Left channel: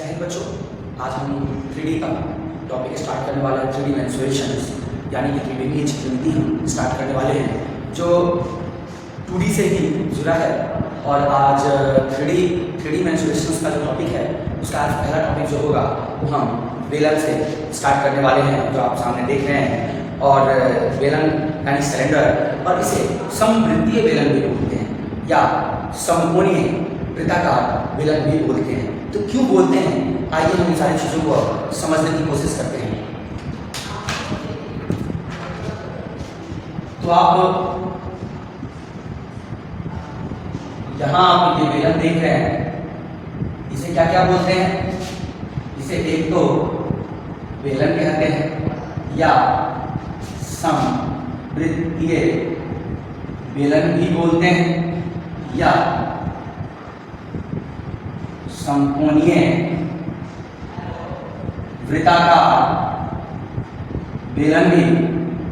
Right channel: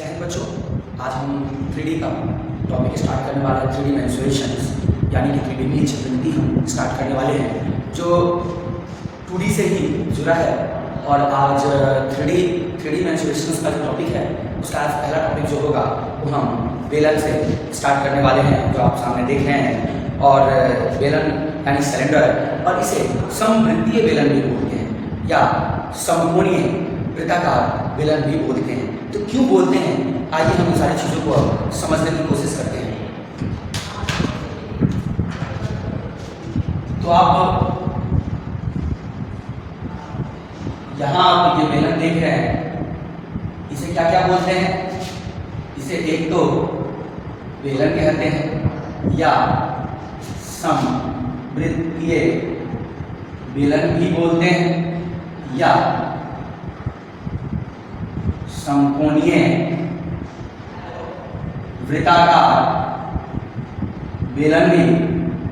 जय हिंद बच्चों, आज हम 3D का टॉपिक स्टार्ट करने वाले हैं। 3D मेंसुरेशंस यानी कि त्रिविमीय चित्रमिति हम स्टार्ट करने वाले हैं, जो 2D से ही जुड़ा है। और आज 3D मेंसुरेशंस का जो टॉपिक है, उसका आज पहला टॉपिक जो होगा वो हम बेलन से स्टार्ट करने वाले हैं, जो आप सामने देख रहे हैं। और बेलन यानी सिलेंडर, और इसे समवृत्तीय बेलन भी बोलते हैं या समकोणीय वृत्ताकार बेलन भी बोलते हैं। तो क्यों बोलते हैं, आइए हम इन सारी चीज़ों को समझने की कोशिश करते हैं। तो आप यहाँ आप ये बेलन देख रहे हैं, इसे क्या क्या बोलते हैं? इसे एक तो बेलन कहते हैं या समवृत्तीय बेलन भी बोलते हैं या समकोणीय वृत्ताकार बेलन भी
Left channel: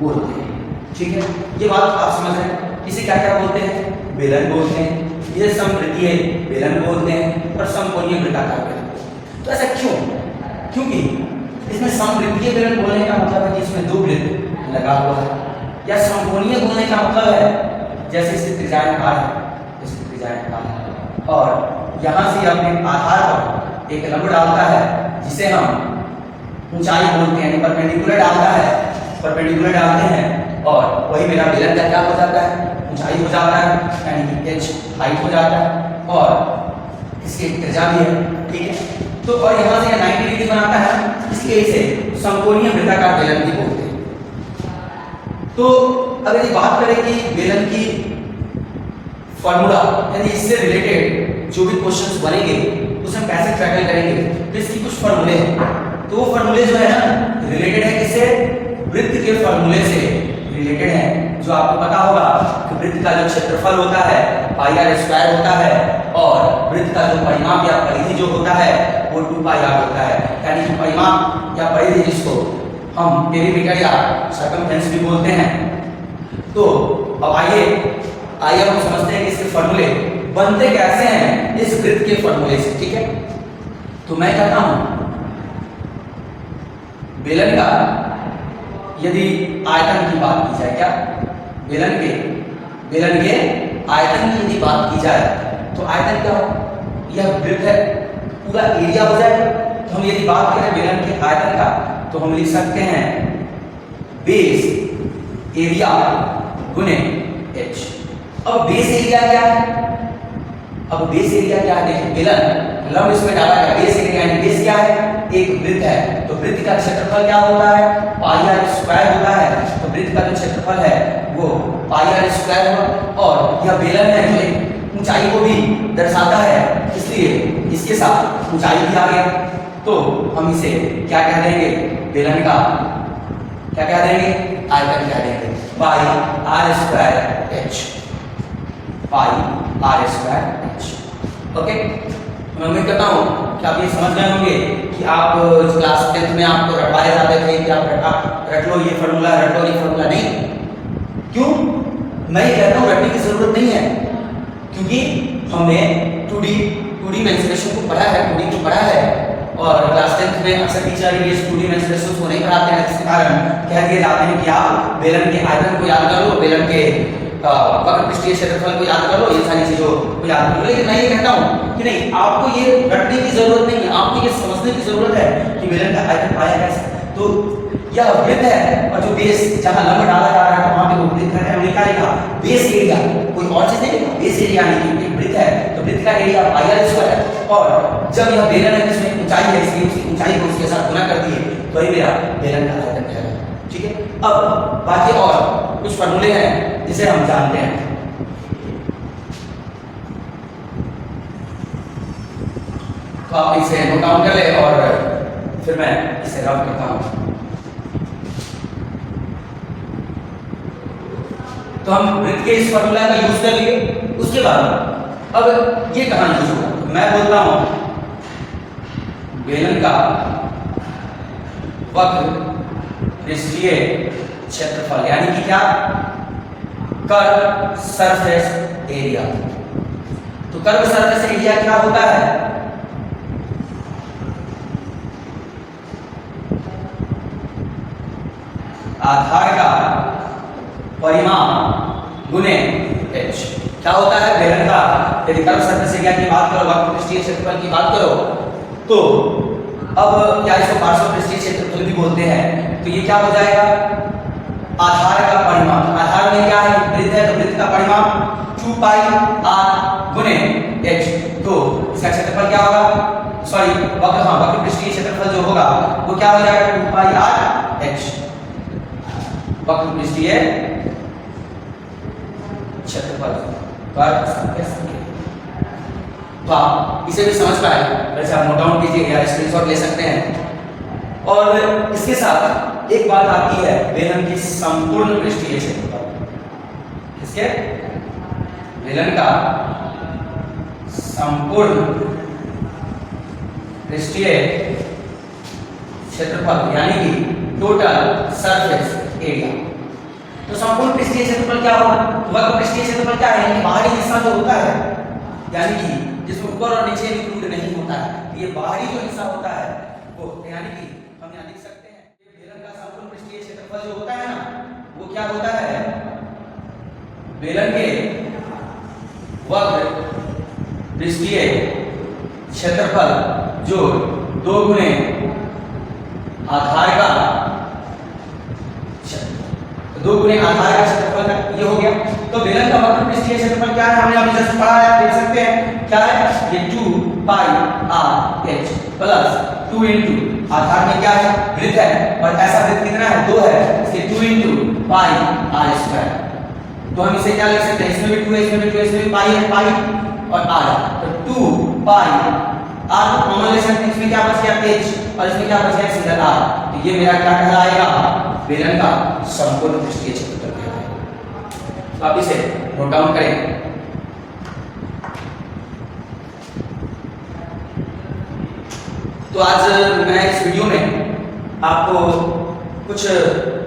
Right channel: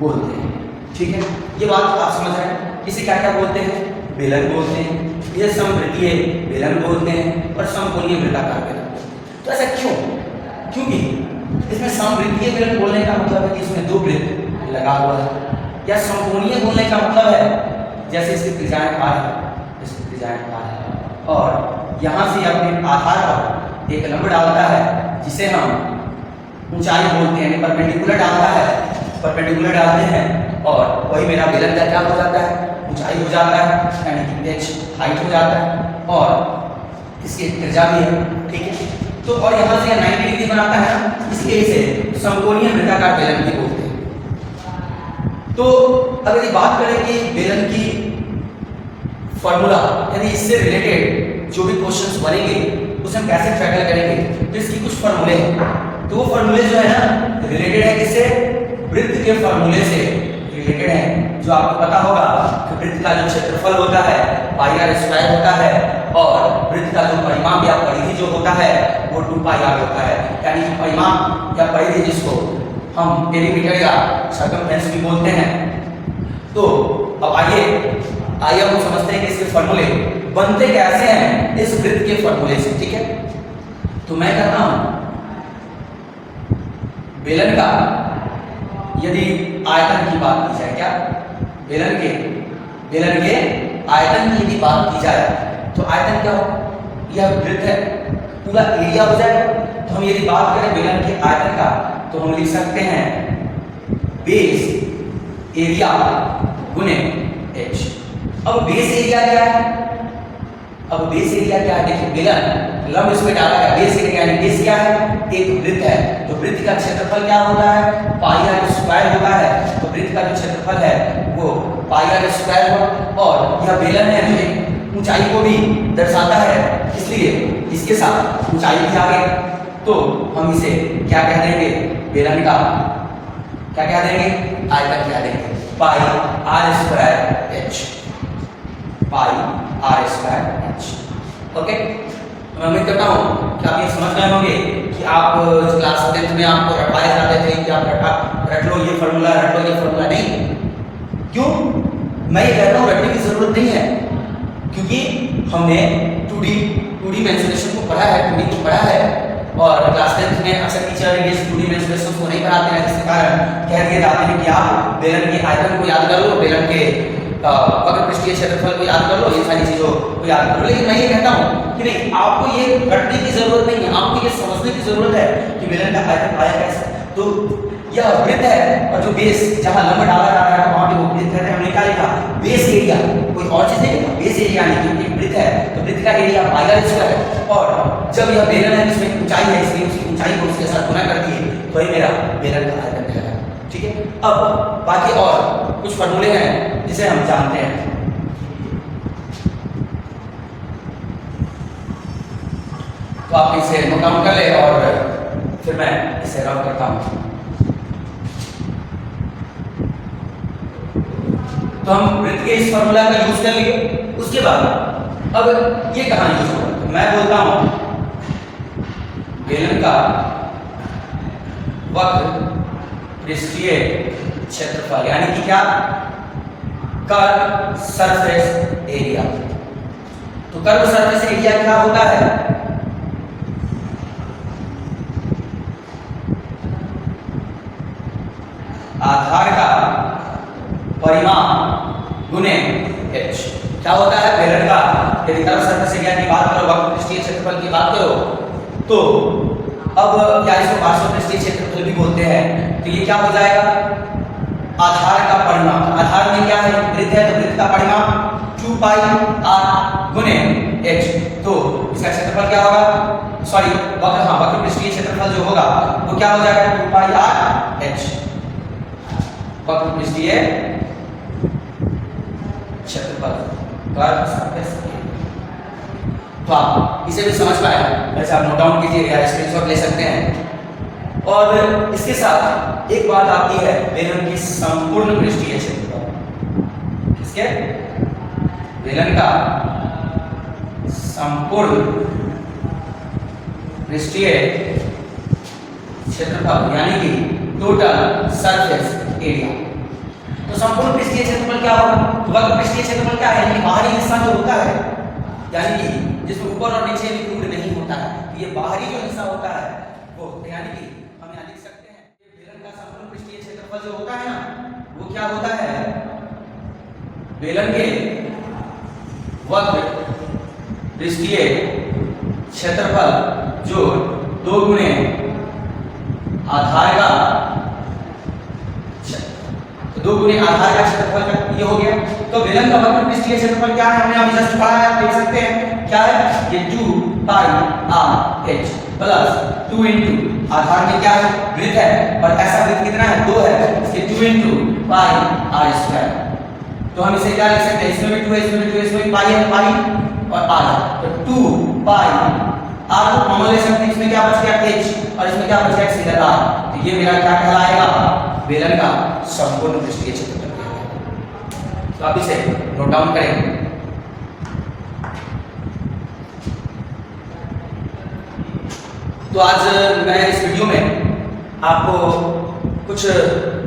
बोलते हैं। ठीक है, ये बात आप समझ रहे हैं। इसे क्या क्या बोलते हैं? बेलन बोलते हैं, इसे समवृत्तीय बेलन बोलते हैं और समकोणीय वृत्ताकार बेलन बोलते हैं। तो ऐसा क्यों? क्योंकि इसमें समवृत्तीय बेलन बोलने का मतलब है कि इसमें दो वृत्त लगा हुआ है, या समकोणीय बोलने का मतलब है जैसे इसे त्रिज्याकार है, जैसे त्रिज्याकार है, और यहाँ से अपने आधार पर एक लंब डालता है जिसे हम ऊंचाई बोलते हैं, परपेंडिकुलर डालता है, परपेंडिकुलर डालते हैं, और वही मेरा बेलन का क्या हो जाता है? ऊंचाई हो जाता है, यानी कि h हाइट हो जाता है, और इसकी त्रिज्या भी है। ठीक है, तो और यहाँ से 90 डिग्री बनाता है, इसलिए इसे समकोणीय वृत्ताकार बेलन भी बोलते हैं। तो अगर ये बात करें कि बेलन की फॉर्मूला यानी इससे रिलेटेड जो भी क्वेश्चंस बनेंगे उसे हम कैसे टैकल करेंगे, तो इसकी कुछ फॉर्मूले हैं। तो वो फॉर्मूले जो है ना, रिलेटेड है किससे? वृत्त के फॉर्मूले से रिलेटेड है। जो आपको पता होगा कि वृत्त का जो क्षेत्रफल होता है पाई आर स्क्वायर होता है, और वृत्त का जो परिमाप या परिधि जो होता है वो 2 पाई आर होता है। यानी कि परिमाप या परिधि जिसको हम पेरीमीटर या सर्कमफ्रेंस भी बोलते हैं। तो अब आइए हम समझते हैं कि इसके फॉर्मूले बनते कैसे हैं इस वृत्त के फॉर्मूले से। ठीक है, तो मैं कहता हूं बेलन का यदि आयतन की बात की जाए, क्या बेलन के आयतन की यदि बात की जाए तो आयतन क्या हो? यह वृत्त है, पूरा एरिया हो जाएगा। तो हम यदि बात करें बेलन के आयतन का तो हम लिख सकते हैं बेस एरिया गुने h। अब बेस एरिया क्या है? अब बेस एरिया क्या है? देखिए, बेलन लंब इसमें डाला गया, बेस एरिया यानी बेस क्या है? एक वृत्त है, तो वृत्त का क्षेत्रफल क्या होता है? पाई आर स्क्वायर होता है। तो वृत्त का जो क्षेत्रफल है वो पाई आर स्क्वायर हुआ, और यह बेलन है जो एक ऊंचाई को भी दर्शाता है, इसलिए इसके साथ ऊंचाई भी आ गई। तो हम इसे क्या कह देंगे? बेलन का क्या कह देंगे? आयतन कह देंगे, pi r square h, pi r square h। Okay, मैं उम्मीद करता हूँ कि आप ये समझ रहे होंगे कि आप क्लास 10th में आपको रटवाए जाते थे कि आप रट लो ये फॉर्मूला, रट लो ये फॉर्मूला। नहीं, क्यों मैं ये कह रहा हूँ? रटने की जरूरत नहीं है, क्योंकि हमने 2D मेंसुरेशन को पढ़ा है, 2D को पढ़ा है। और क्लास 10th में अक्सर टीचर ये 2D मेंसुरेशन को नहीं पढ़ाते हैं, जिसके कारण कह दिए जाते हैं कि आप बेलन के आयतन को याद कर लो, बेलन के वक्र पृष्ठीय क्षेत्रफल को याद कर लो, ये सारी चीजों को याद कर लो। लेकिन मैं ये कहता हूँ कि नहीं, आपको ये रटने की जरूरत नहीं है, आपको ये समझने की जरूरत है कि बेलन का आयतन पाया कैसे। तो यह वृत्त है, और जो बेस जहाँ लंब डाला जा रहा है वहां पे वो वृत्त है, हमने क्या लिखा? बेस एरिया, कोई और चीज नहीं लिखा। बेस एरिया यानी कि वृत्त है, तो वृत्त का एरिया पाई आर स्क्वायर है, और जब यह बेलन है इसमें ऊंचाई है, इसलिए उसकी ऊंचाई को उसके साथ गुना कर दिए, तो ये मेरा बेलन का आयतन कहलाता है। ठीक है, अब बाकी और कुछ फॉर्मूले हैं जिसे हम जानते हैं। तो आप इसे नोट डाउन कर ले और फिर मैं इसे रब करता हूं। तो हम वृत्त के इस फॉर्मूला का यूज कर लिए, उसके बाद अब ये कहां यूज होगा? तो मैं बोलता हूं बेलन का वक्र पृष्ठीय क्षेत्रफल यानी कि क्या? Curve surface area. तो कर्व सरफेस एरिया क्या होता है? क्या होता है बेलन का यदि कर्व सरफेस एरिया की बात करो, वक्र पृष्ठीय क्षेत्रफल की बात करो, तो अब क्या इसको पार्श्व पृष्ठीय क्षेत्रफल भी बोलते हैं। तो ये क्या हो जाएगा आधार का परिमाप। आधार में क्या है वृत्त है, तो वृत्त का परिमाप 2 पाई r गुने h। तो इसका क्षेत्रफल क्या होगा, सॉरी वक्र, हाँ वक्र पृष्ठीय क्षेत्रफल जो होगा वो क्या हो जाएगा 2 पाई r h वक्र पृष्ठीय क्षेत्रफल कर्व सरफेस एरिया। तो आप इसे भी समझ पाए, वैसे आप नोट डाउन कीजिए या स्क्रीनशॉट ले सकते हैं। और इसके साथ एक बात आती है बेलन की संपूर्ण पृष्ठीय क्षेत्रफल। किसके? बेलन का संपूर्ण पृष्ठीय क्षेत्रफल यानी कि टोटल सरफेस एरिया। तो संपूर्ण पृष्ठीय क्षेत्रफल क्या होगा, वक्र पृष्ठीय क्षेत्रफल क्या है, यानी बाहरी हिस्सा जो होता है, यानी कि जिसमें ऊपर और नीचे भी नहीं होता है, ये बाहरी जो हिस्सा होता है वो, यानी कि हम यहाँ लिख सकते हैं बेलन का संपूर्ण पृष्ठीय क्षेत्रफल जो होता है ना वो क्या होता है, बेलन के वक्र पृष्ठीय क्षेत्रफल जो 2 गुने आधार का, तो 2 गुने आधार का क्षेत्रफल का ये हो गया। तो बेलन का वक्र पृष्ठीय क्षेत्रफल क्या है, हमने अभी जस्ट पढ़ा है, आप देख सकते हैं क्या है, ये 2 पाई r h प्लस 2 इंटू आधार में क्या है वृत्त है, और ऐसा वृत्त कितना है 2 है, इसके 2 इंटू पाई r स्क्वायर। तो हम इसे क्या लिख सकते हैं, इसमें भी 2 है, इसमें भी 2 है, इसमें भी पाई है, पाई और r। तो 2 पाई r को कॉमन ले सकते हैं, इसमें क्या बच गया h और इसमें क्या बच गया सीधा r। तो ये मेरा क्या कहलाएगा, बेलन का संपूर्ण पृष्ठीय क्षेत्रफल। तो आप इसे नोट डाउन करें। तो आज मैं इस वीडियो में आपको कुछ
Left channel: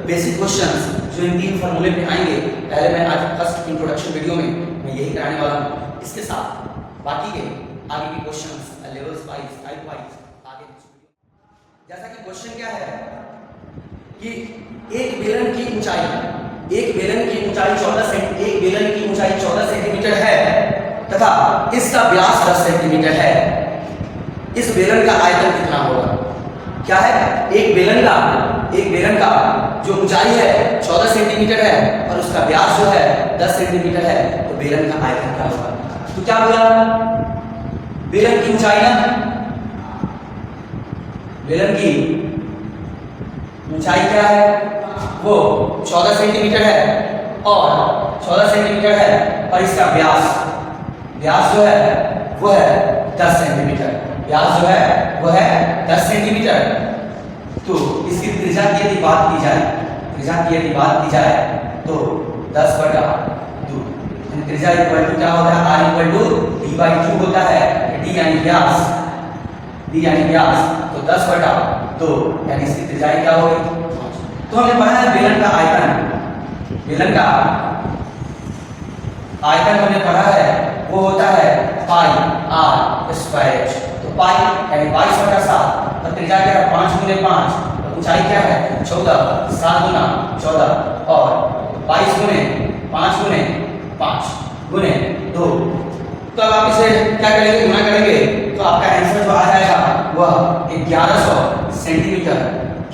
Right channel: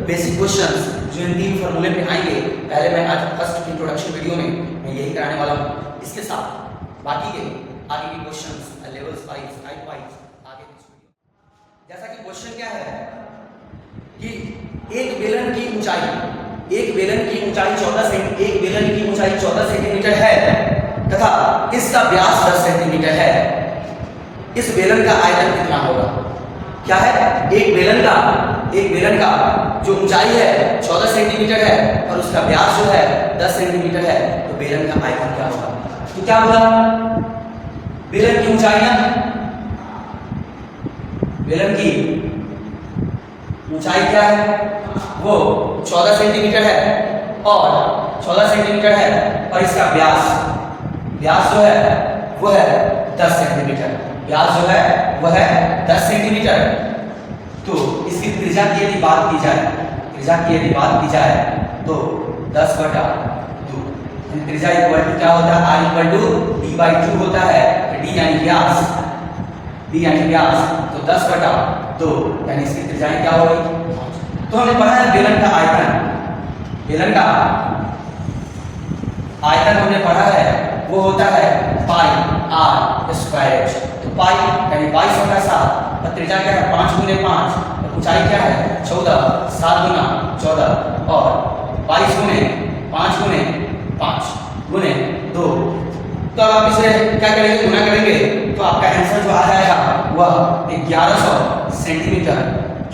बेसिक क्वेश्चंस जो इन 3 फॉर्मूले पे आएंगे, पहले मैं आज फर्स्ट इंट्रोडक्शन वीडियो में मैं यही कराने वाला हूँ। इसके साथ बाकी के आगे के questions levels wise type wise आगे जैसा कि क्वेश्चन क्या है कि एक बेलन की ऊंचाई 14 सेंटीमीटर है तथा इसका व्यास 10 सेंटीमीटर है। इस बेलन का आयतन कितना होगा? क्या है, एक बेलन का जो ऊंचाई है 14 सेंटीमीटर है और उसका व्यास जो है 10 सेंटीमीटर है, तो बेलन का आयतन क्या होगा? तो क्या बोला, बेलन की ऊंचाई ना, बेलन की ऊंचाई क्या है, वो 14 सेंटीमीटर है और 14 सेंटीमीटर है और इसका व्यास जो है वो है 10 सेंटीमीटर। व्यास जो है वो है 10 सेंटीमीटर। तो इसकी त्रिज्या की यदि बात की जाए तो 10/2। त्रिज्या इक्वल टू क्या होता है, r इक्वल टू d/2 होता है, d यानी व्यास, तो 10/2 यानी इसकी त्रिज्या क्या होगी। तो हमने पढ़ा है बेलन का आयतन हमने पढ़ा है वो होता है पाई r स्क्वायर h। तो पाई यानी 22/7 और त्रिज्या क्या है 5 गुने 5 और ऊंचाई क्या है 14, 7 गुना 14 और 22 गुने 5 गुने 5 गुने 2। तो अब आप इसे क्या करेंगे, गुना करेंगे तो आपका आंसर जो आ जाएगा वह 1100 सेंटीमीटर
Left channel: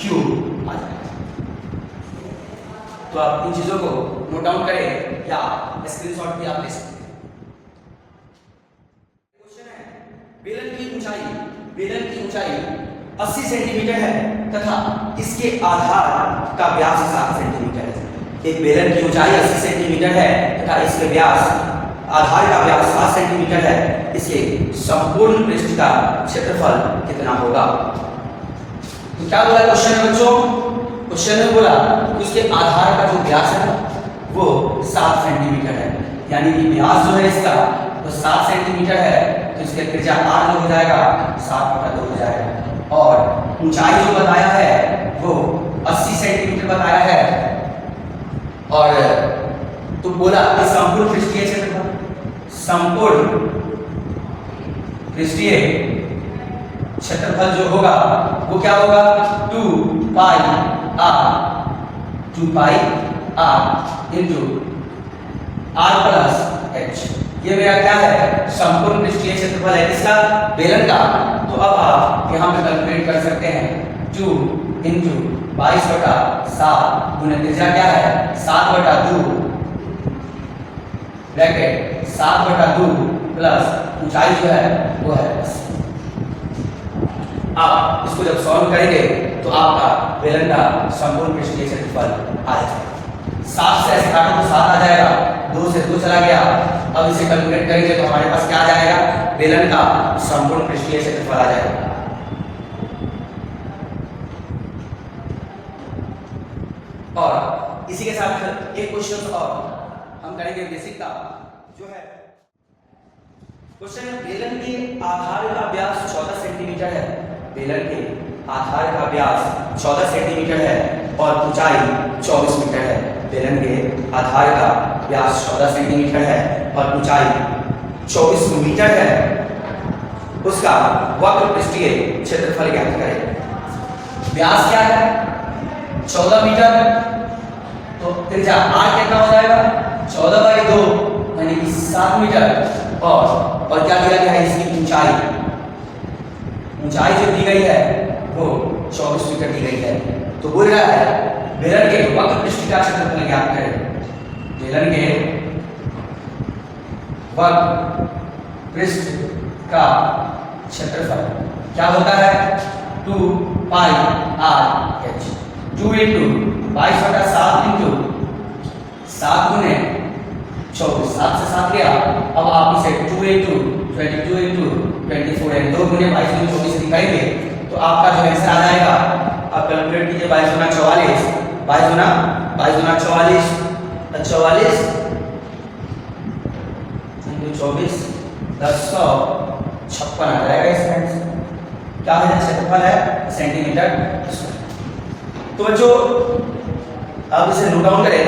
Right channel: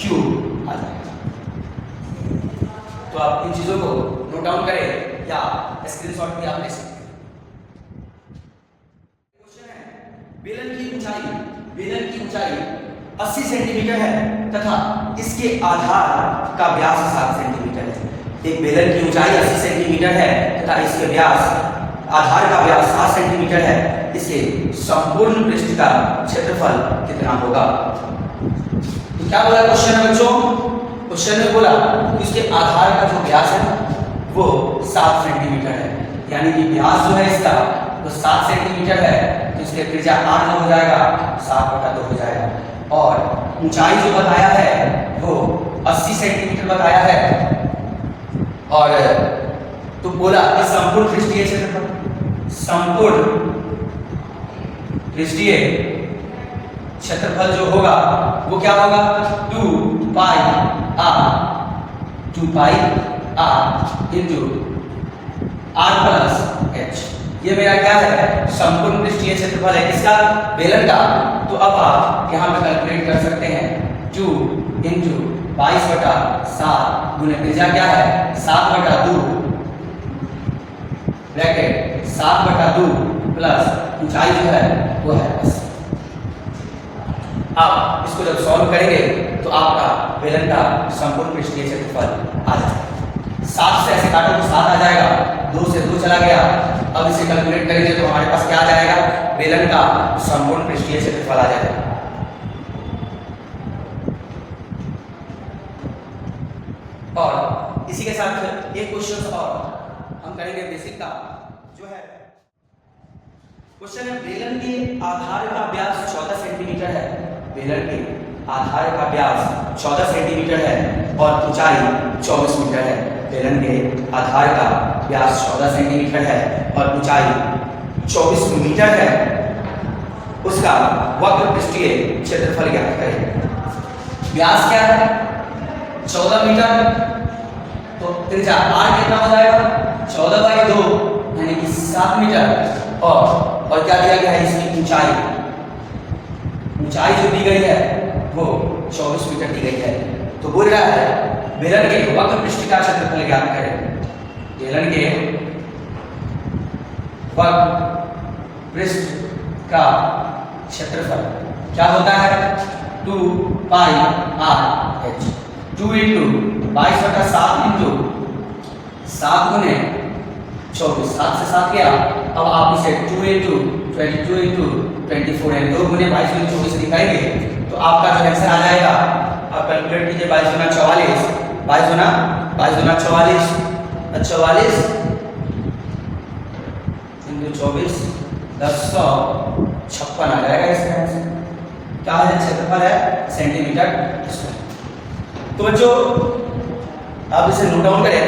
क्यूब आ जाएगा। तो आप इन चीजों को नोट डाउन करें या स्क्रीनशॉट भी आप ले सकते हैं। क्वेश्चन है बेलन की ऊंचाई 80 सेंटीमीटर है तथा इसके आधार का व्यास 7 सेंटीमीटर है। एक बेलन की ऊंचाई 80 सेंटीमीटर है तथा इसके आधार का व्यास 7 सेंटीमीटर है। इसके संपूर्ण पृष्ठ का क्षेत्रफल कितना होगा? तो क्या बोला क्वेश्चन में बच्चों, क्वेश्चन में बोला कि उसके आधार का जो व्यास है वो 7 सेंटीमीटर है, यानी कि व्यास जो है इसका तो 7 सेंटीमीटर है, तो इसकी त्रिज्या 8 हो जाएगा, 7/2 हो जाएगा। और ऊंचाई जो बताया है वो 80 सेंटीमीटर बताया है। और तो बोला कि संपूर्ण पृष्ठीय क्षेत्रफल, संपूर्ण पृष्ठीय क्षेत्रफल जो होगा वो क्या होगा 2 पाई r into r plus h। ये मेरा क्या है, संपूर्ण पृष्ठीय क्षेत्रफल है किसका, बेलन का। तो अब आप यहाँ पे कैलकुलेट कर सकते हैं 2 इंटू 22/7 गुना त्रिज्या क्या है 7/2 ब्रैकेट 7/2 प्लस ऊंचाई जो है वो है 80। आप इसको जब सॉल्व करेंगे तो आपका बेलन का संपूर्ण पृष्ठीय क्षेत्रफल आ जाएगा। 7 से ऐसे काटो तो 7 आ जाएगा, 2 से 2 चला गया। अब इसे कैलकुलेट करेंगे तो हमारे पास क्या आ जाएगा, बेलन का संपूर्ण पृष्ठीय क्षेत्रफल आ जाएगा। और इसी के साथ एक क्वेश्चन और हम करेंगे बेसिक का, जो है क्वेश्चन है बेलन के आधार का व्यास 14 सेंटीमीटर है। बेलन के आधार का व्यास 14 सेंटीमीटर है और ऊंचाई 24 मीटर है। बेलन के आधार का व्यास 14 सेंटीमीटर है और ऊंचाई 24 मीटर है। उसका वक्र पृष्ठीय क्षेत्रफल ज्ञात करें। व्यास क्या है 14 मीटर, तो त्रिज्या r कितना हो जाएगा 14/2 यानी कि 7 मीटर। और क्या दिया गया है, इसकी ऊंचाई जो दी गई है वो 24 मीटर दी गई है। तो बोल रहा है बेलन के वक्र पृष्ठ का क्षेत्रफल ज्ञात करें। बेलन के वक्र पृष्ठ का क्षेत्रफल क्या होता है 2πr/h। 2 इंटू 22/7 इंटू 7 गुने 24, 7 से 7 गया। अब आप इसे 2 इंटू 22 इंटू 24 यानी 2 गुने 22 गुने 24 दिखाएंगे तो आपका जो आंसर आ जाएगा। आप कैलकुलेट कीजिए 22 गुना 44, 22 गुना 44 इंटू 24 1056 आ जाएगा। इसका आंसर क्या है, क्षेत्रफल है सेंटीमीटर स्क्वायर। तो बच्चों आप इसे नोट डाउन करें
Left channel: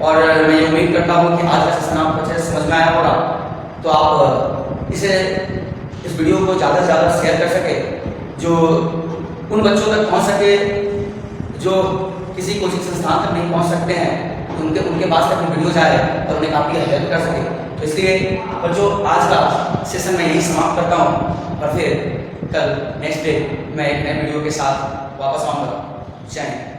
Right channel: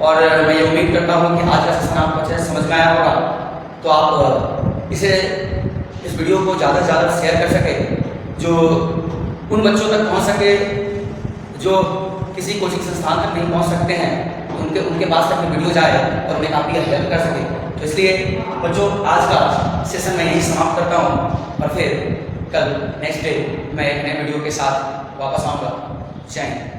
और मैं ये उम्मीद करता हूँ कि आज का सेशन आपको अच्छे से समझ में आया होगा। तो आप इसे इस वीडियो को ज़्यादा से ज़्यादा शेयर कर सके, जो उन बच्चों तक पहुँच सके जो किसी कोचिंग संस्थान तक नहीं पहुँच सकते हैं, उनके पास तक वीडियो जाए और उन्हें काफ़ी हेल्प कर सके। तो इसलिए बच्चों आज का सेशन मैं यही समाप्त करता हूँ और फिर कल नेक्स्ट डे मैं एक नए वीडियो के साथ वापस आऊँगा। जय हिंद।